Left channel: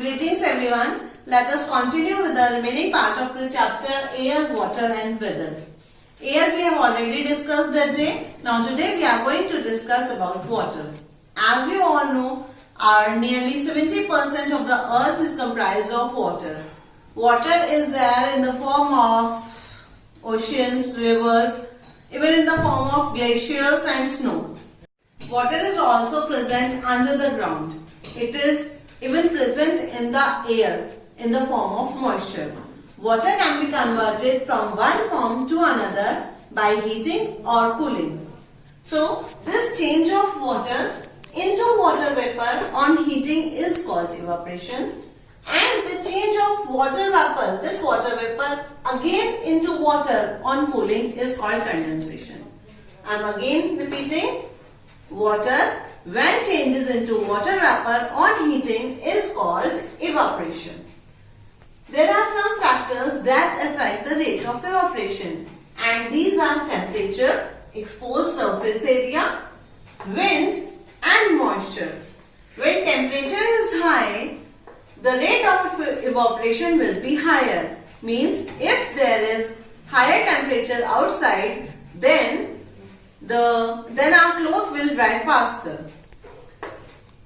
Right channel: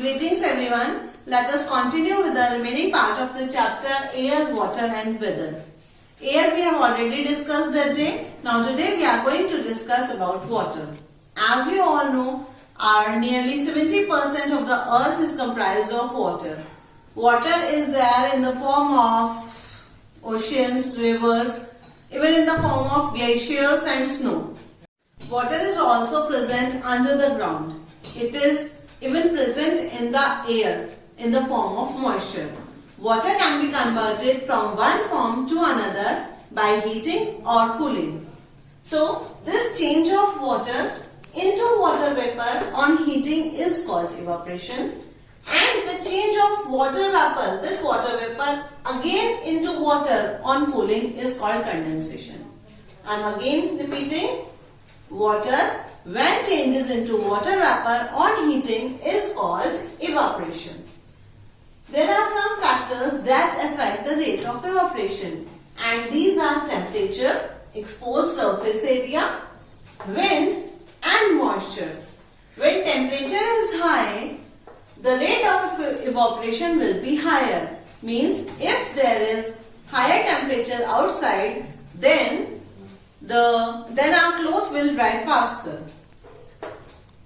Greetings everyone. Let us continue with the remaining part of the chapter Air, Water and Weather. Air we have already discussed that day. Now today we are going to discuss about water. As you all know, nearly 70% of the earth is comprised of water. Water is there in the form of oceans, rivers, even in the form of glaciers and snow. Water is also present under the ground. It is even present in the air in the form of moisture. Water can be converted from one form to another by heating or cooling. So, this change of water into water vapor on heating is called evaporation, and the change of water vapor, this water vapor again into water on cooling is called condensation. I am again repeating, water when changes into water vapor on heating is called evaporation. There are some factors that affect the rate of evaporation, and these are temperature, exposed surface area, wind and moisture. When temperature is high, the rate of evaporation will be higher. Means if there is higher temperature outside, then our clothes will dry faster.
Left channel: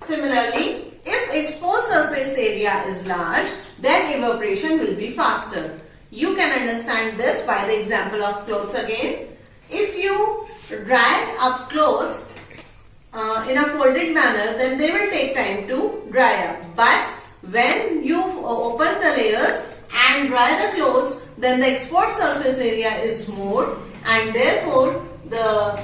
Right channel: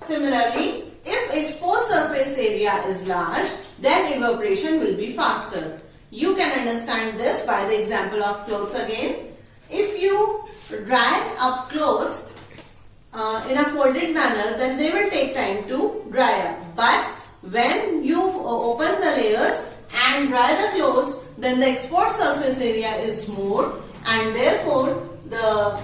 Similarly, if exposed surface area is large, then evaporation will be faster. You can understand this by the example of clothes again. If you dry up clothes in a folded manner, then they will take time to dry up. But when you open the layers and dry the clothes, then the exposed surface area is more, and therefore the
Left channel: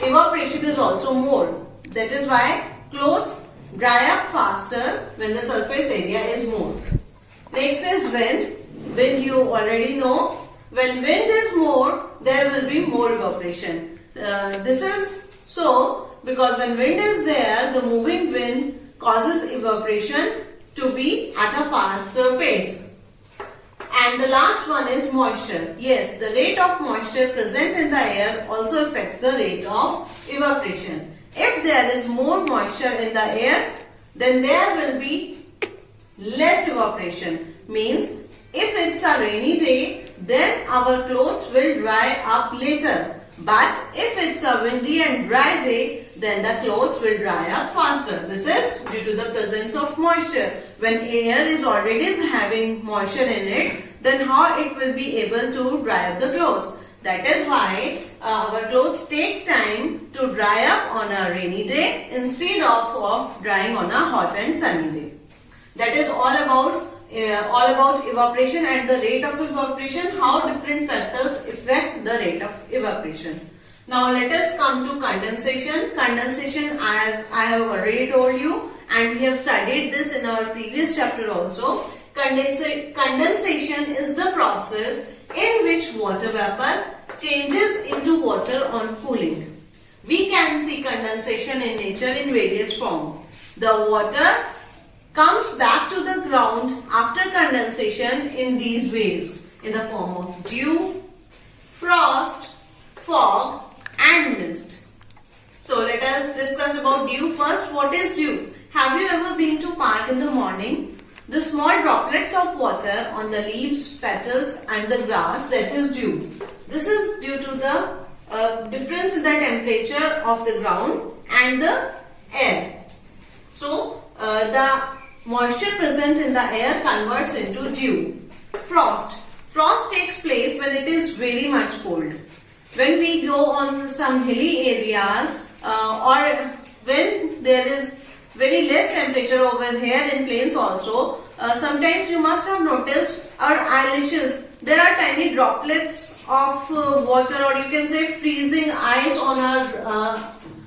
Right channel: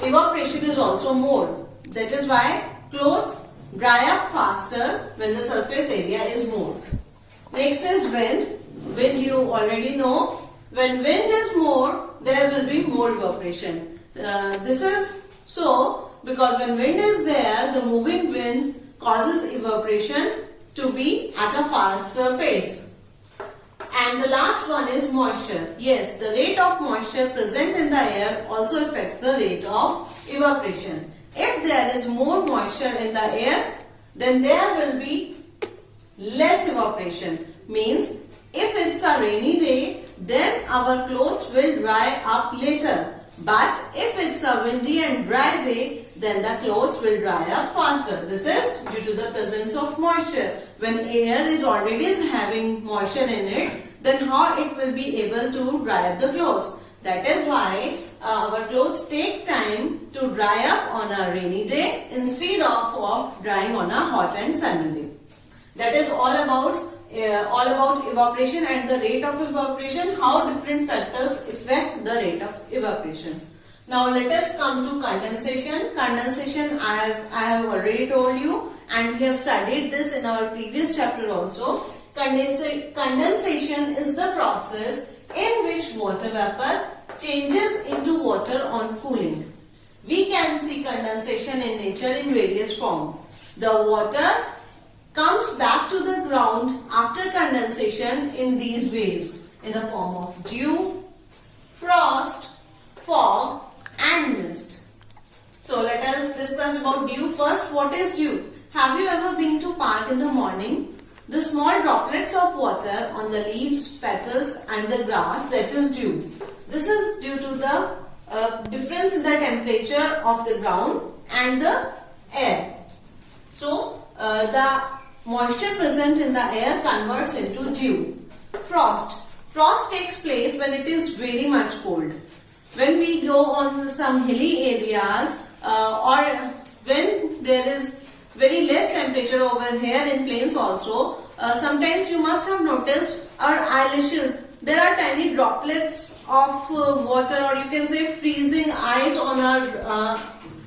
evaporation is also more. That is why clothes dry up faster when the surface area is more. Next is wind. Wind you already know. When wind is more, there will be more evaporation. This is so because when wind is there, the moving wind causes evaporation to be at a faster pace. And the last one is moisture. Yes, the rate of moisture present in the air also affects the rate of evaporation. If there is more moisture in the air, then there will be less evaporation. Means if it's a rainy day, then our clothes will dry up later. But if it's a windy and dry day, then the clothes will dry up faster. This is due to the presence of moisture. When air is already having moisture in it, then how it will be able to dry up the clothes? That is why our clothes take time to dry up on a rainy day instead of drying on a hot and sunny day. That is all about evaporation and the rate of evaporation, how different factors affect the rate of evaporation. Now let us come to condensation. Condensation, as I have already told you, and we have studied this in our previous chapter also. Condensation is the process in which water vapor changes into water on cooling. We can see condensation in nature in various forms. The water comes back to the ground after condensation in these ways, in the form of dew, frost, fog and mist. So let us discuss about dew first. What is dew? Have you ever been to park in the morning? The small droplets of water on the leaves, petals and the grass, that is dew. This is due to the difference in the temperature of the ground and the air. So the moisture present in the air converts into dew. Frost. Frost takes place when it is very much cold. When we go on some hilly areas or when there is very less temperature over here in plains also, sometimes you must have noticed our eyelashes. There are tiny droplets of water, or you can say freezing ice on our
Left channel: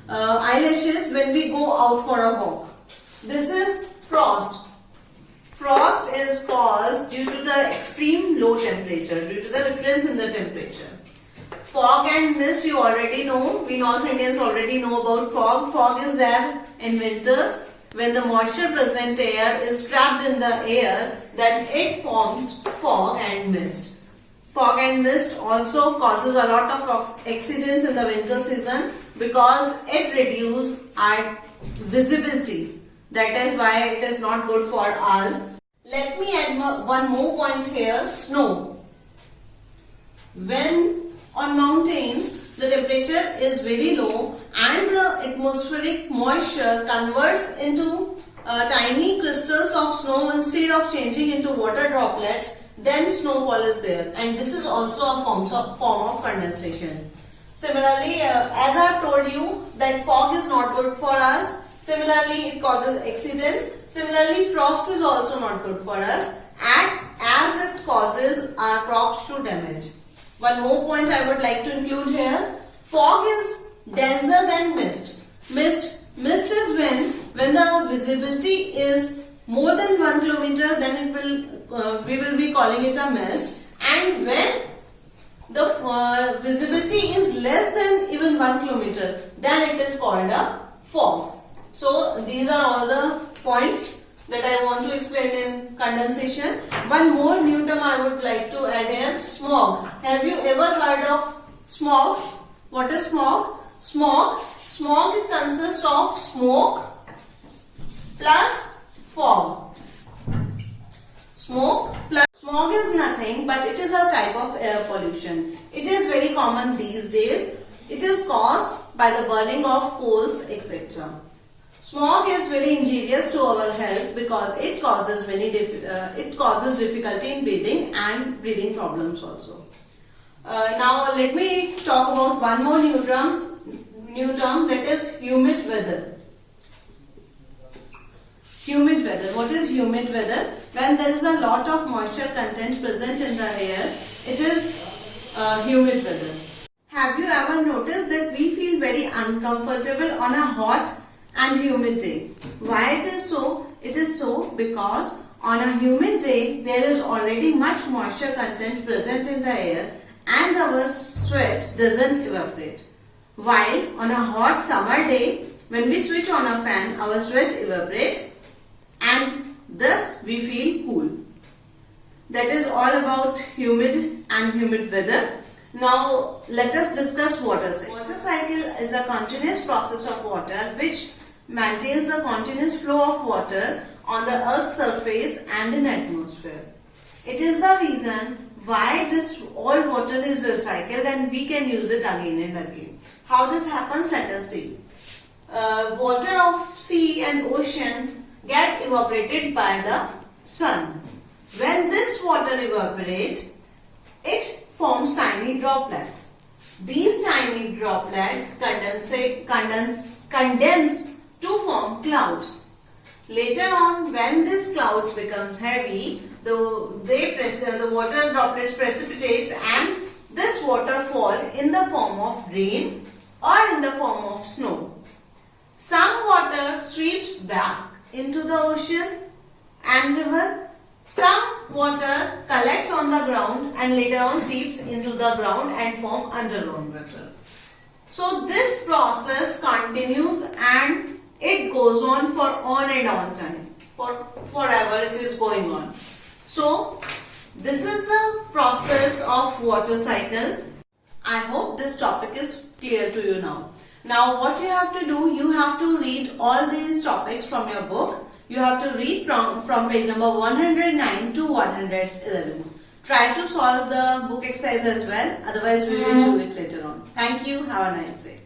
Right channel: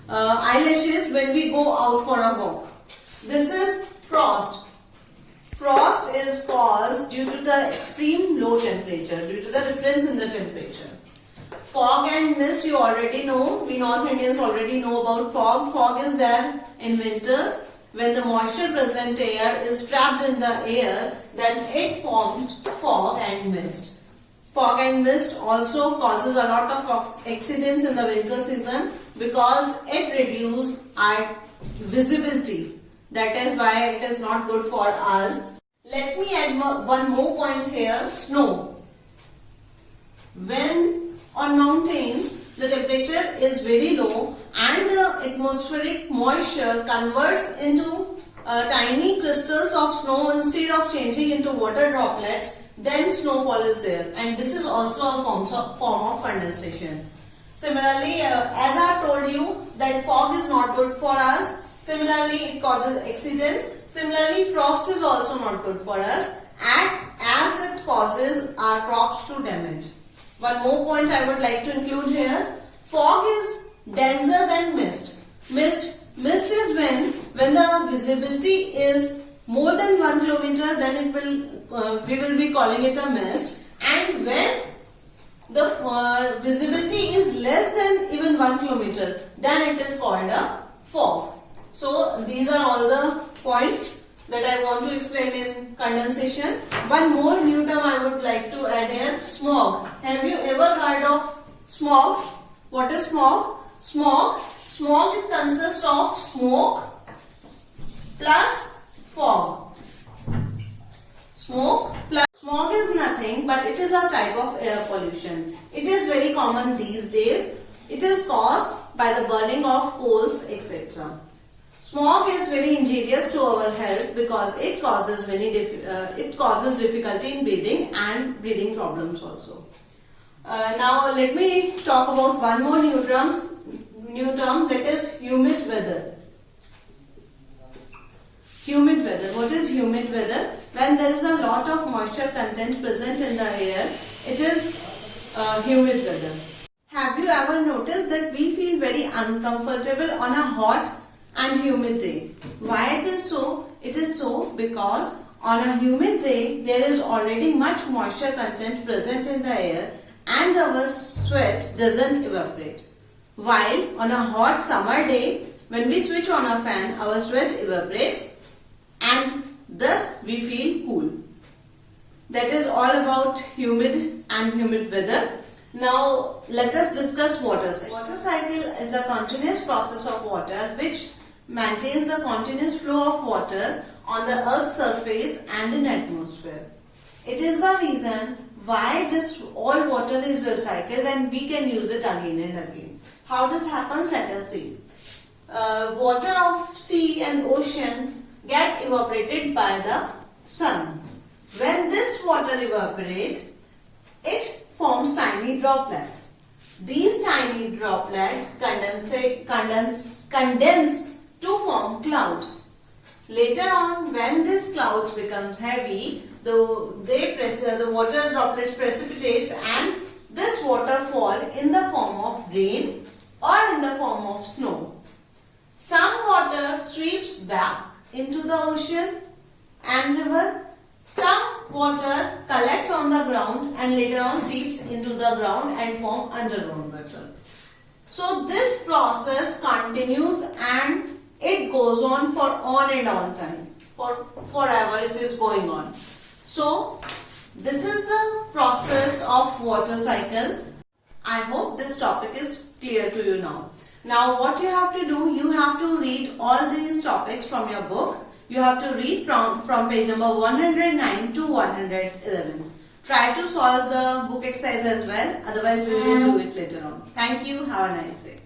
eyelashes when we go out for a walk. This is frost. Frost is caused due to the extreme low temperature, due to the difference in the temperature. Fog and mist you already know. We North Indians already know about fog. Fog is there in winters. When the moisture present air is trapped in the air, then it forms fog and mist. Fog and mist also causes a lot of accidents in the winter season because it reduces our visibility. That is why it is not good for us. Let me add one more point here, snow. When on mountains the temperature is very low and the atmospheric moisture converts into tiny crystals of snow instead of changing into water droplets, then snowfall is there, and this is also a form of condensation. Similarly, as I have told you that fog is not good for us, similarly it causes accidents. Similarly, frost is also not good for us as it causes our crops to damage. One more point I would like to include here. Fog is denser than mist. Mist is when the visibility is more than 1 kilometer, then we will be calling it a mist. And when the visibility is less than even 1 kilometer, then it is called a fog. So these are all the points that I want to explain in condensation. One more new term I would like to add here, smog. Have you ever heard of smog? What is smog? Smog consists of smoke plus fog. Smog is nothing but it is a type of air pollution. It is very common these days. It is caused by the burning of coals, etc. Smog is very injurious to our health because it causes difficulty in breathing and breathing problems also. Now let me talk about one more new term, that is humid weather. Humid weather. What is humid weather? When there is a lot of moisture content present in the air, it is humid weather. Have you ever noticed that we feel very uncomfortable on a hot and humid day? Why it is so? It is so because on a humid day there is already much moisture content present in the air and our sweat doesn't evaporate. While on a hot summer day, when we switch on a fan, our sweat evaporates and thus we feel cool. That is all about humid and humid weather. Now let us discuss water cycle. Water cycle is a continuous process of water which maintains the continuous flow of water on the earth's surface and in atmosphere. It is the reason why all water is recycled and we can use it again and again. How this happens, let us see. Water of sea and ocean get evaporated by the sun. When this water evaporates, it forms tiny droplets. These tiny droplets condense to form clouds. Later on, when these clouds become heavy, the water droplets precipitates and this water fall in the form of rain or in the form of snow. Some water sweeps back into the ocean and river. Some water collects on the ground and later on seeps into the ground and form underground water. So this process continues and it goes on for on and on time. Forever it is going on. So this is the process of water cycle. I hope this topic is clear to you now. Now what you have to do, you have to read all these topics from your book. You have to read from page number 109 to 111. Try to solve the book exercise as well. Otherwise we will do it later on. Thank you. Have a nice day.